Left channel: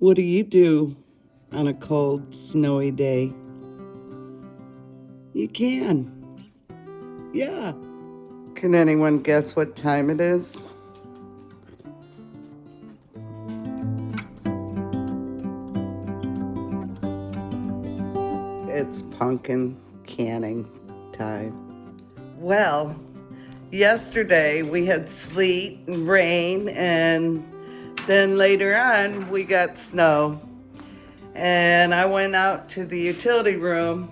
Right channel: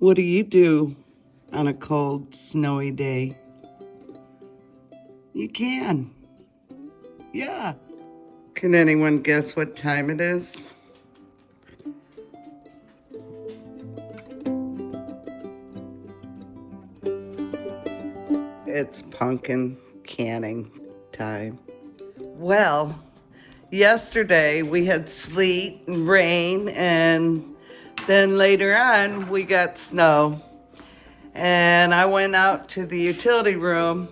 What do you do on a cold, snowy day? You can. Yeah. Can anyone guess what time it is? It's pumpkin canning time. Well, yesterday we had sleet and rain, and then later on we got snow. And I went out to the utility room,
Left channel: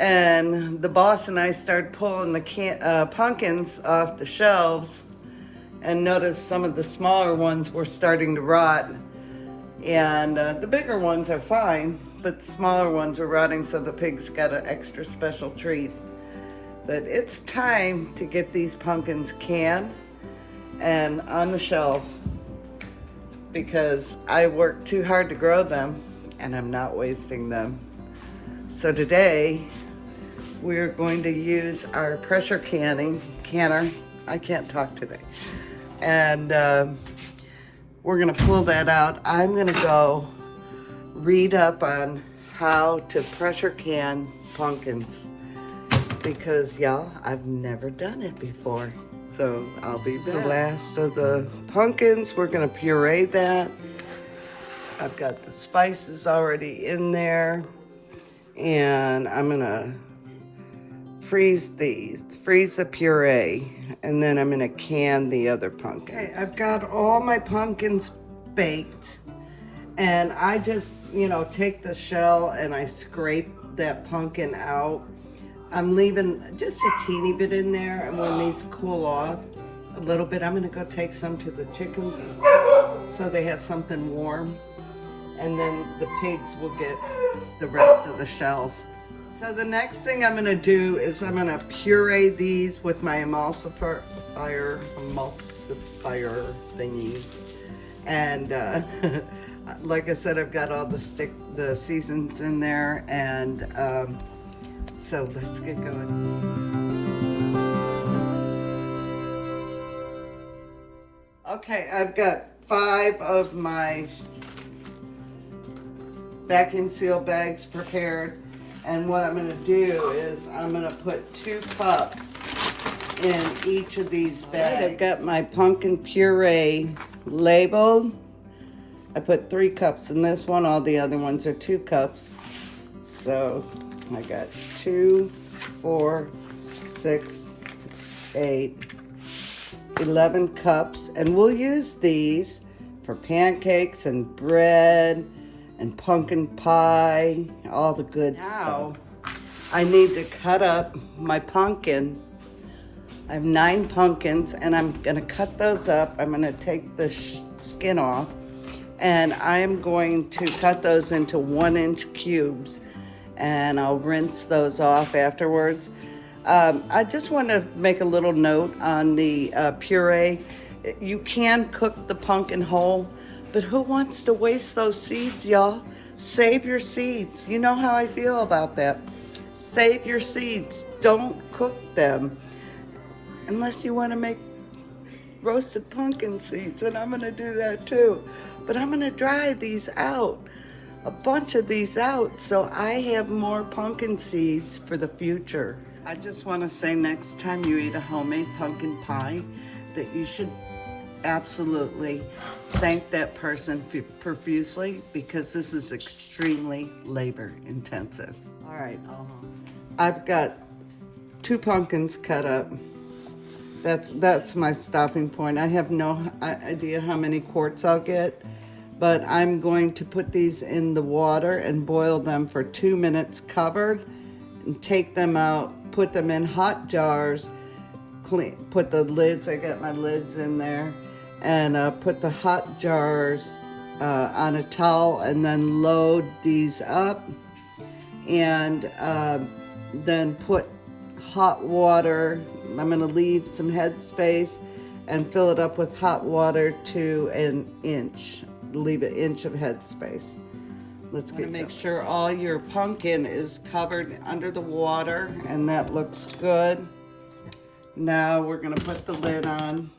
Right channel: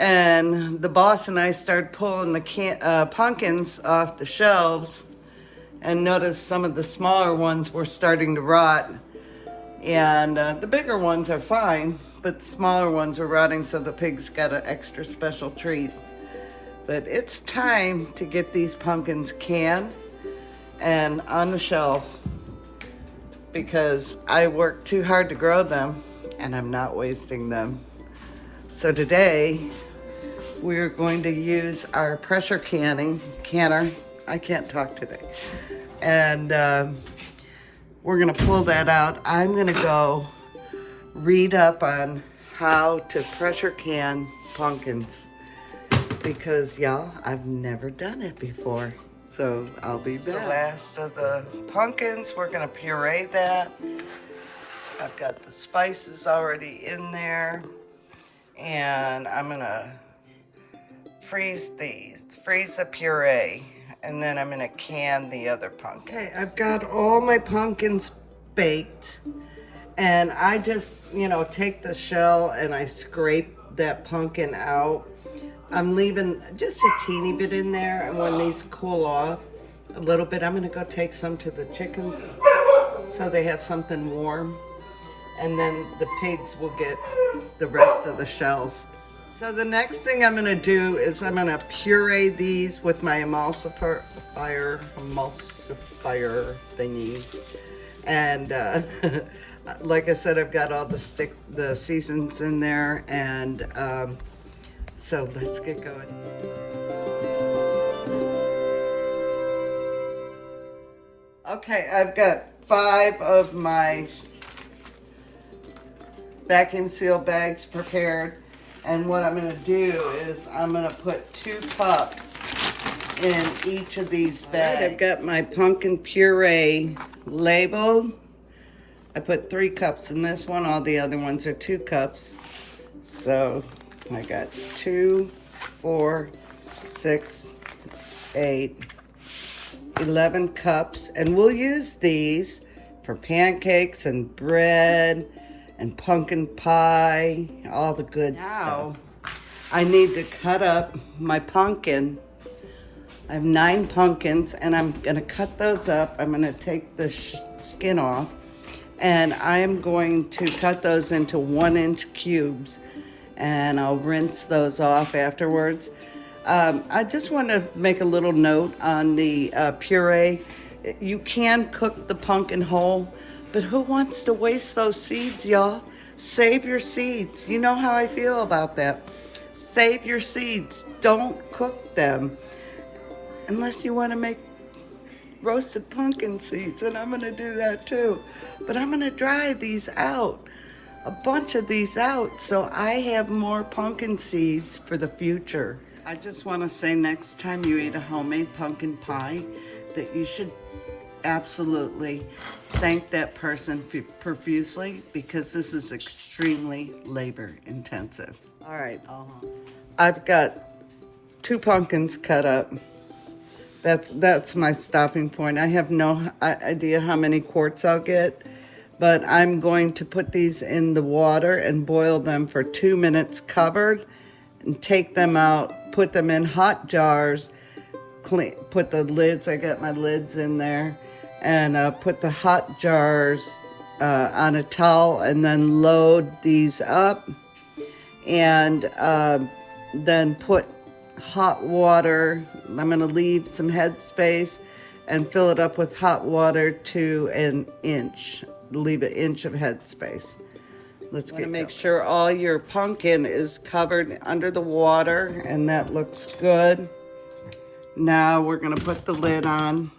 and the boss and I started pulling the pumpkins off the shelves, and noticed some of the smaller ones were starting to rot. And the bigger ones are fine, but the smaller ones were rotting, so the pigs got an extra special treat. But it's time to get these pumpkins canned and on the shelf, because I worked too hard to grow them and I'm not wasting them. So today we're going to use our pressure canner. I can't talk today. And we're gonna pull that out. I'm gonna go read up on how to pressure can pumpkins, because y'all, I've never done it before. So I'll be back. The last of the pumpkins, we're gonna puree that. I've got the spices already in there, and I'm gonna freeze the puree, and then I'm gonna can the other pumpkins. Okay, I've got all my pumpkins baked, and I just, take the shell and I scrape that pumpkin out. I'm leaving just a teeny bit in there, and when these cool off a little bit, I'm gonna go take some to the chickens so they have something warm, and then the pigs will get the rest of the shells. So the next thing I'm gonna do is I'm gonna puree these with my emulsifier thingy. And like I said, I've got all the seasons in there, and so let's get going. Okay, I've got 5 of my vacuum seal bags prepared. And what I'm gonna do is I'm gonna put 2 cups in each of these bags. I've got my pumpkin puree labeled. I put 3 cups in this one. All the other ones are 2 cups. So I got 2, 4, 6, 8, 11 cups. And we'll use these for pancakes and bread and pumpkin pie, all the good stuff. I need to cut up my pumpkin. I have 9 pumpkins, and I'm gonna cut those up. I'm gonna take the skin off, and I am going to cut those into 1-inch cubes, and I'll rinse those off afterwards. I just want to make a little note on the puree. You can cook the pumpkin whole, but who wants to waste those seeds, y'all? Save your seeds. You know how I feel about that. Save your seeds. Don't cook them unless you want to make roasted pumpkin seeds, and I'm gonna do that too. But I'm gonna dry these out, a bunch of these out, so I have more pumpkin seeds for the future. I just want to say, next time you eat a homemade pumpkin pie, that you should absolutely thank that person profusely, because this is extremely labor intensive. All right, I've got 2 pumpkins cut up. That's my stopping point. I have no idea how many quarts I'll get, but I'm going to put these in the water and boil them for 2 minutes covered, and take them out, put them in hot jars, put the lids, I got my lids in there, and put the hot jars on a towel, and then load these up, and then put hot water. I'm gonna leave some headspace and fill it up with hot water to 1 inch. Leave 1 inch of headspace. Let's make sure all your pumpkin is covered under the water, and that looks good. Now we're gonna put the lid on,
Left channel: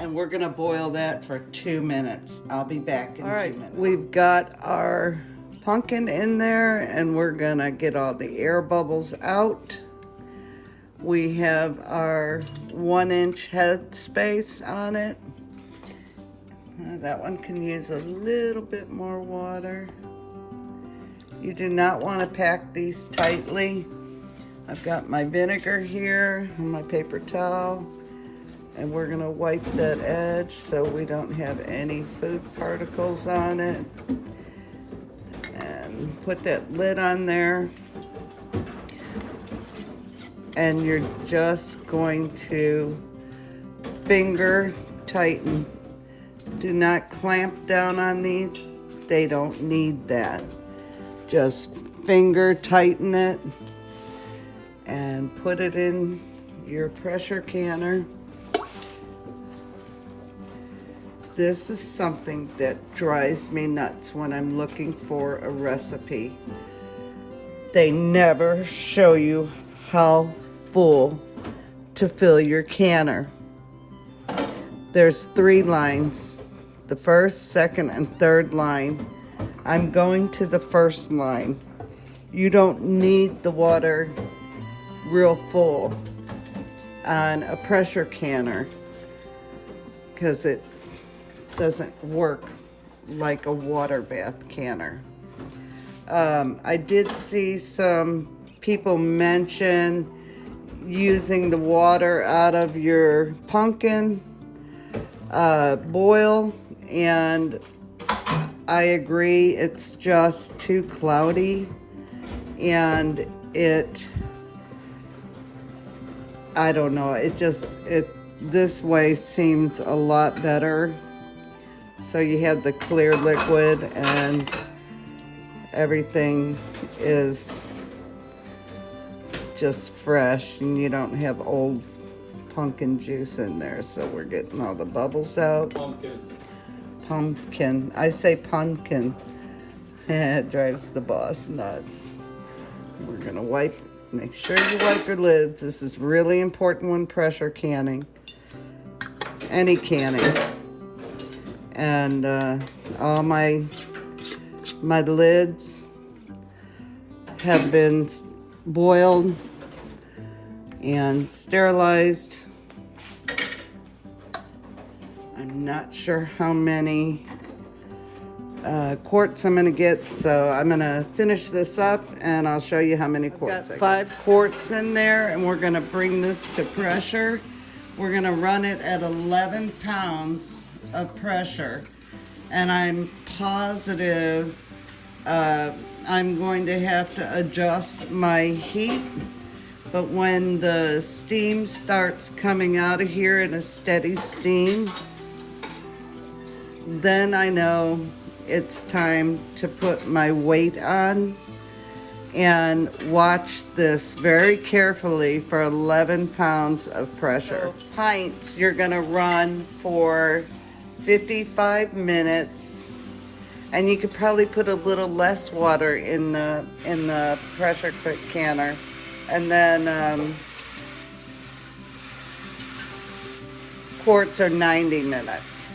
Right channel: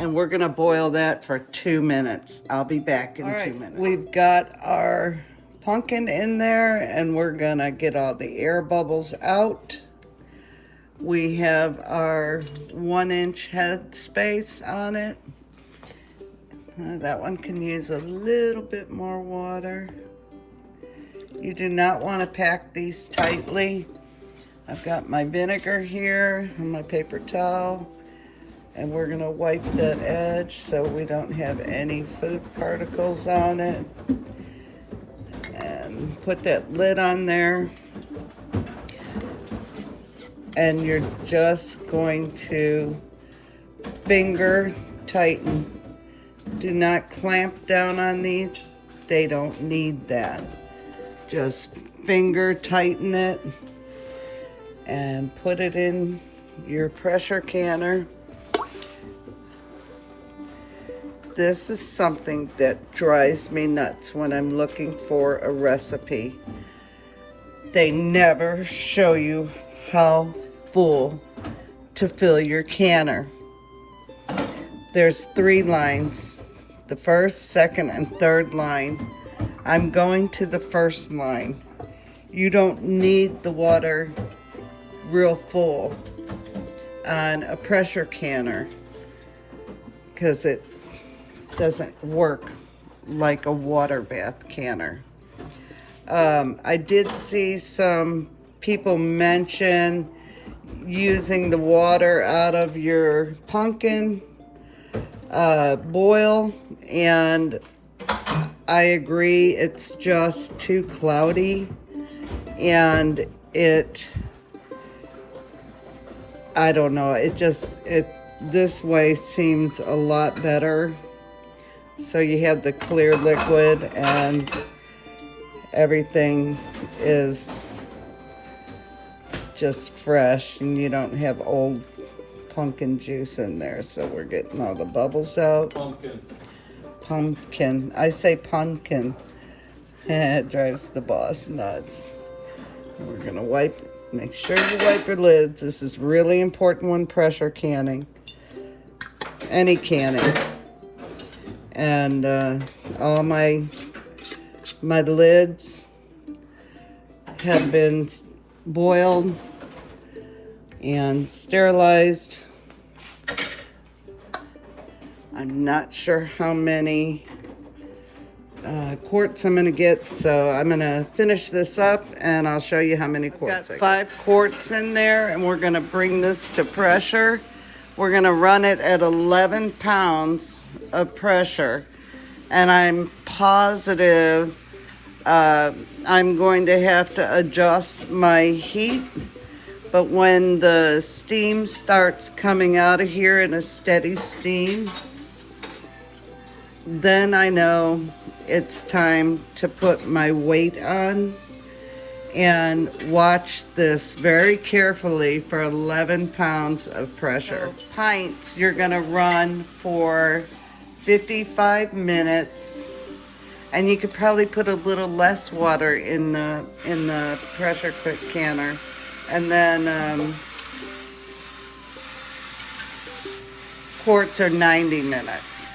And we're gonna boil that for 2 minutes. I'll be back in 2 minutes. We've got our pumpkin in there and we're gonna get all the air bubbles out. We have our 1-inch head space on it. That one can use a little bit more water. You do not want to pack these tightly. I've got my vinegar here and my paper towel, and we're gonna wipe that edge so we don't have any food particles on it. And put that lid on there. And you're just going to finger tighten. Do not clamp down on these. They don't need that. Just finger tighten it and put it in your pressure canner. This is something that drives me nuts when I'm looking for a recipe. They never show you how full to fill your canner. There's 3 lines, the first, second, and third line. I'm going to the first line. You don't need the water real full on a pressure canner because it doesn't work like a water bath canner. I did see some people mention using the water out of your pumpkin boil, and I agree, it's just too cloudy, and I don't know, this way seems a lot better. So you have the clear liquid and everything is just fresh and you don't have old pumpkin juice in there. So we're getting all the bubbles out. Pumpkin. I say pumpkin. It drives the boss nuts. We're gonna make sure you wipe your lids. This is really important when pressure canning. Any canning. And all my lids have been boiled and sterilized. I'm not sure how many quarts I'm gonna get, so I'm gonna finish this up and I'll show you how many quarts. I've got 5 quarts in there, and we're gonna bring this to pressure. We're gonna run it at 11 pounds of pressure, and I'm positive I'm going to have to adjust my heat, but when the steam starts coming out of here in a steady steam, then I know it's time to put my weight on, and watch this very carefully for 11 pounds of pressure. So pints, you're gonna run for 55 minutes, and you could probably put a little less water in the pressure cook canner, and then quarts are 90 minutes.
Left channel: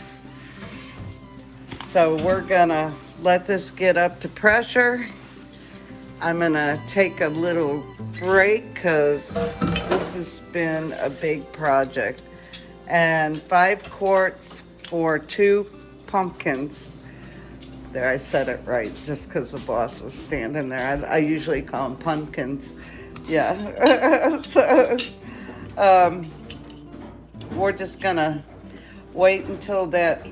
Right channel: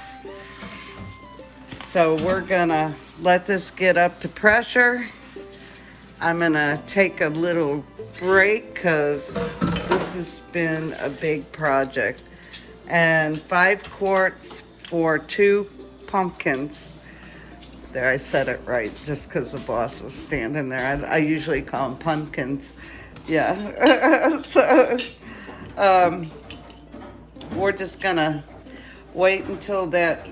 So we're gonna let this get up to pressure. I'm gonna take a little break because this has been a big project. And 5 quarts for 2 pumpkins. There, I said it right, just because the boss was standing there. I usually call them pumpkins. Yeah. So, we're just gonna wait until that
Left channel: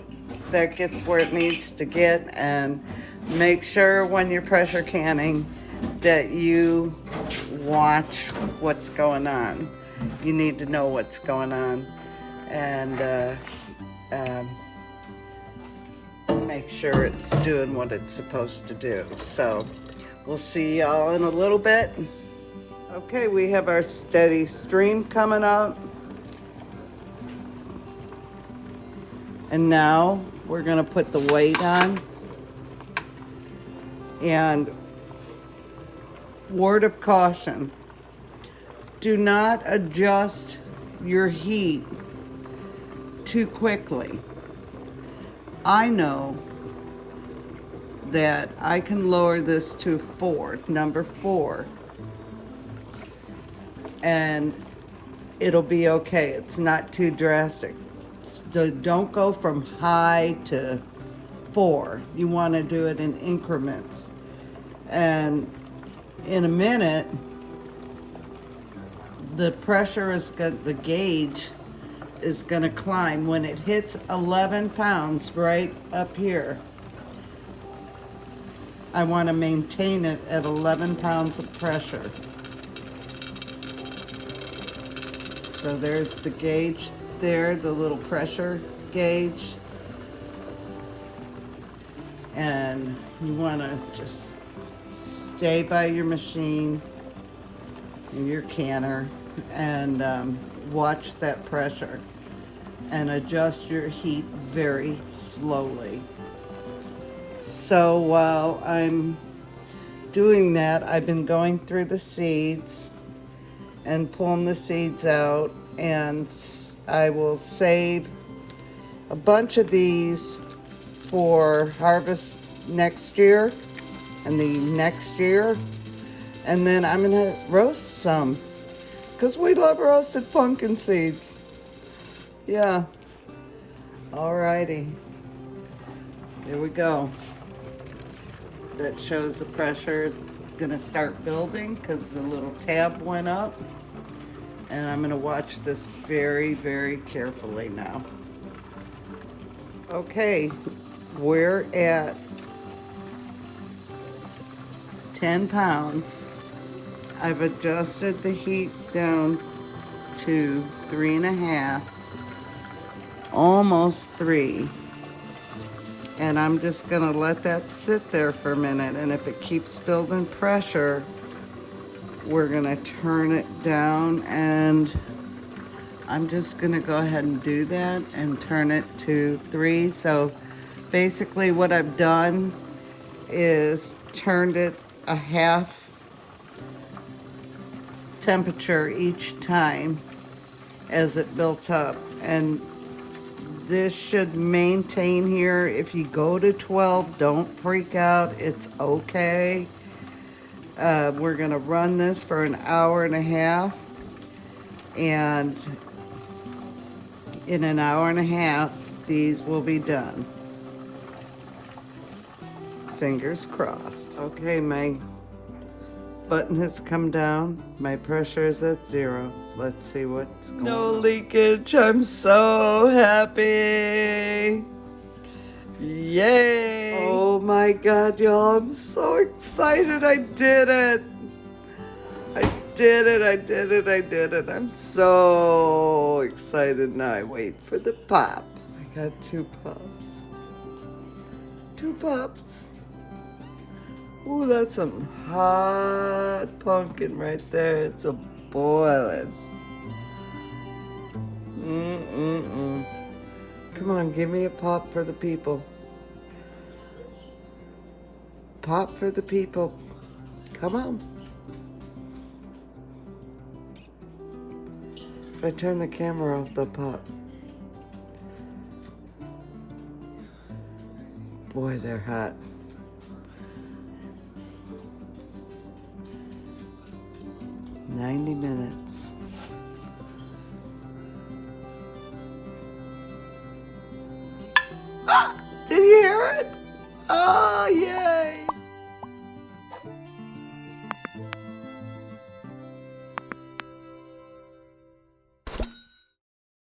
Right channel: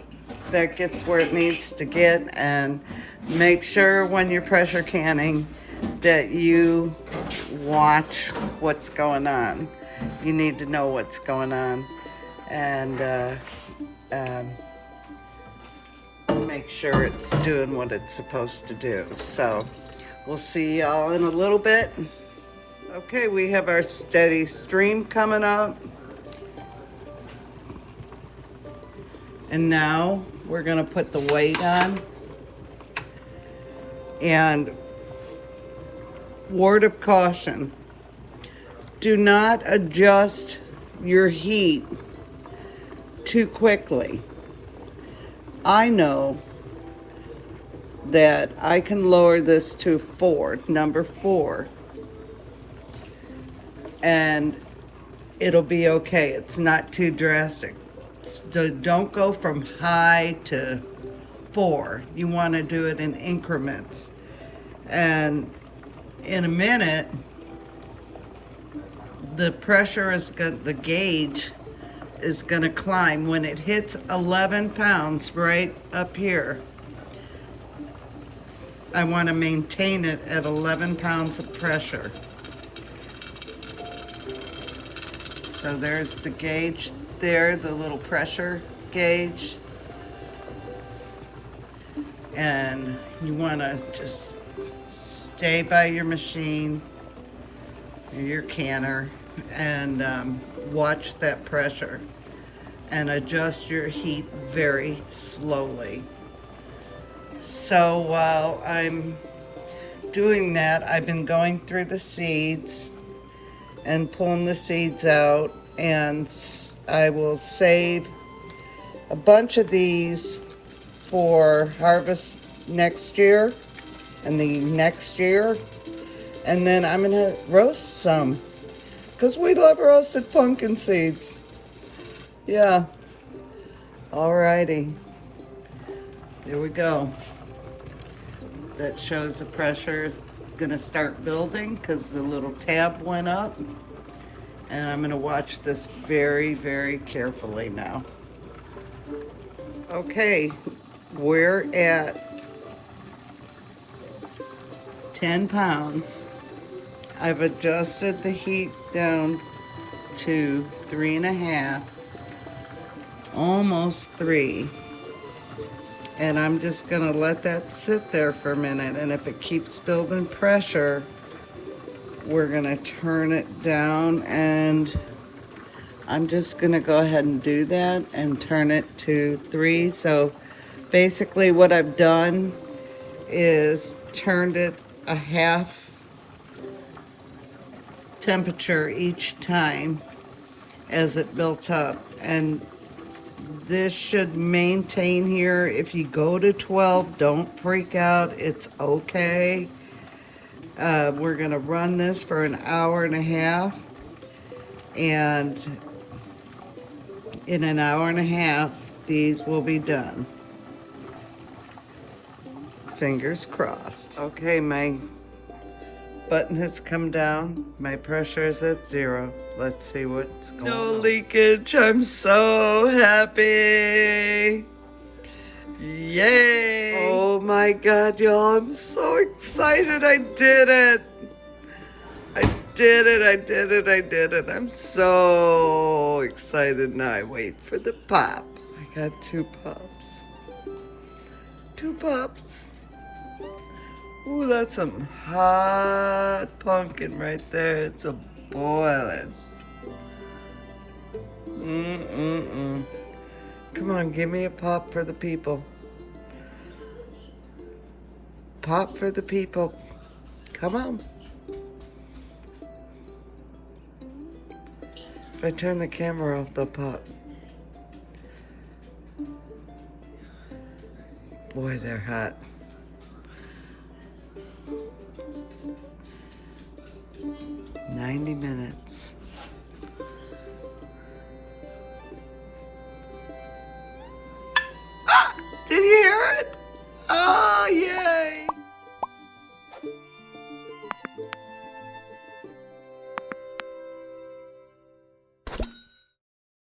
gets where it needs to get, and make sure when you're pressure canning that you watch what's going on. You need to know what's going on, and make sure it's doing what it's supposed to do. So we'll see y'all in a little bit. Okay, we have our steady stream coming up. And now we're gonna put the weight on. And word of caution, do not adjust your heat too quickly. I know that I can lower this to 4, number 4, and it'll be okay. It's not too drastic. So don't go from high to 4. You want to do it in increments. And in a minute, the pressure is the gauge is going to climb. When it hits 11 pounds right up here, I want to maintain it at 11 pounds of pressure. So there's the gauge there, the little pressure gauge. And you want to just stay by your machine, your canner, and watch that pressure and adjust your heat very slowly. So while I'm doing that, I've been going through the seeds and pulling the seeds out, and I will save a bunch of these for harvest next year and the next year, and then I'm gonna roast some because we love roasted pumpkin seeds. Yeah. Alrighty, here we go. That shows the pressure is gonna start building because the little tab went up, and I'm gonna watch this very, very carefully now. Okay, we're at 10 pounds. I've adjusted the heat down to 3.5, almost 3. And I'm just gonna let that sit there for a minute, and if it keeps building pressure, we're gonna turn it down, and I'm just gonna go ahead and do that and turn it to 3. So basically what I've done is turned it a half temperature each time as it built up, and this should maintain here. If you go to 12, don't freak out, it's okay. We're gonna run this for an hour and a half, and in an hour and a half these will be done. Fingers crossed. Okay, my button has come down. My pressure is at 0. Let's see what's going on. No leakage. I'm so happy. Yay. Oh my God, y'all. I'm so excited. I did it. I did it. I did it. I did it. I'm so excited. Now I wait for the pop. I got 2 pops. 2 pops. Ooh, that's some hot pumpkin right there. It's a boiling. Come on, give me a pop for the people. Pop for the people. Come on. If I turn the camera off, they'll pop. Boy, they're hot. "90 minutes.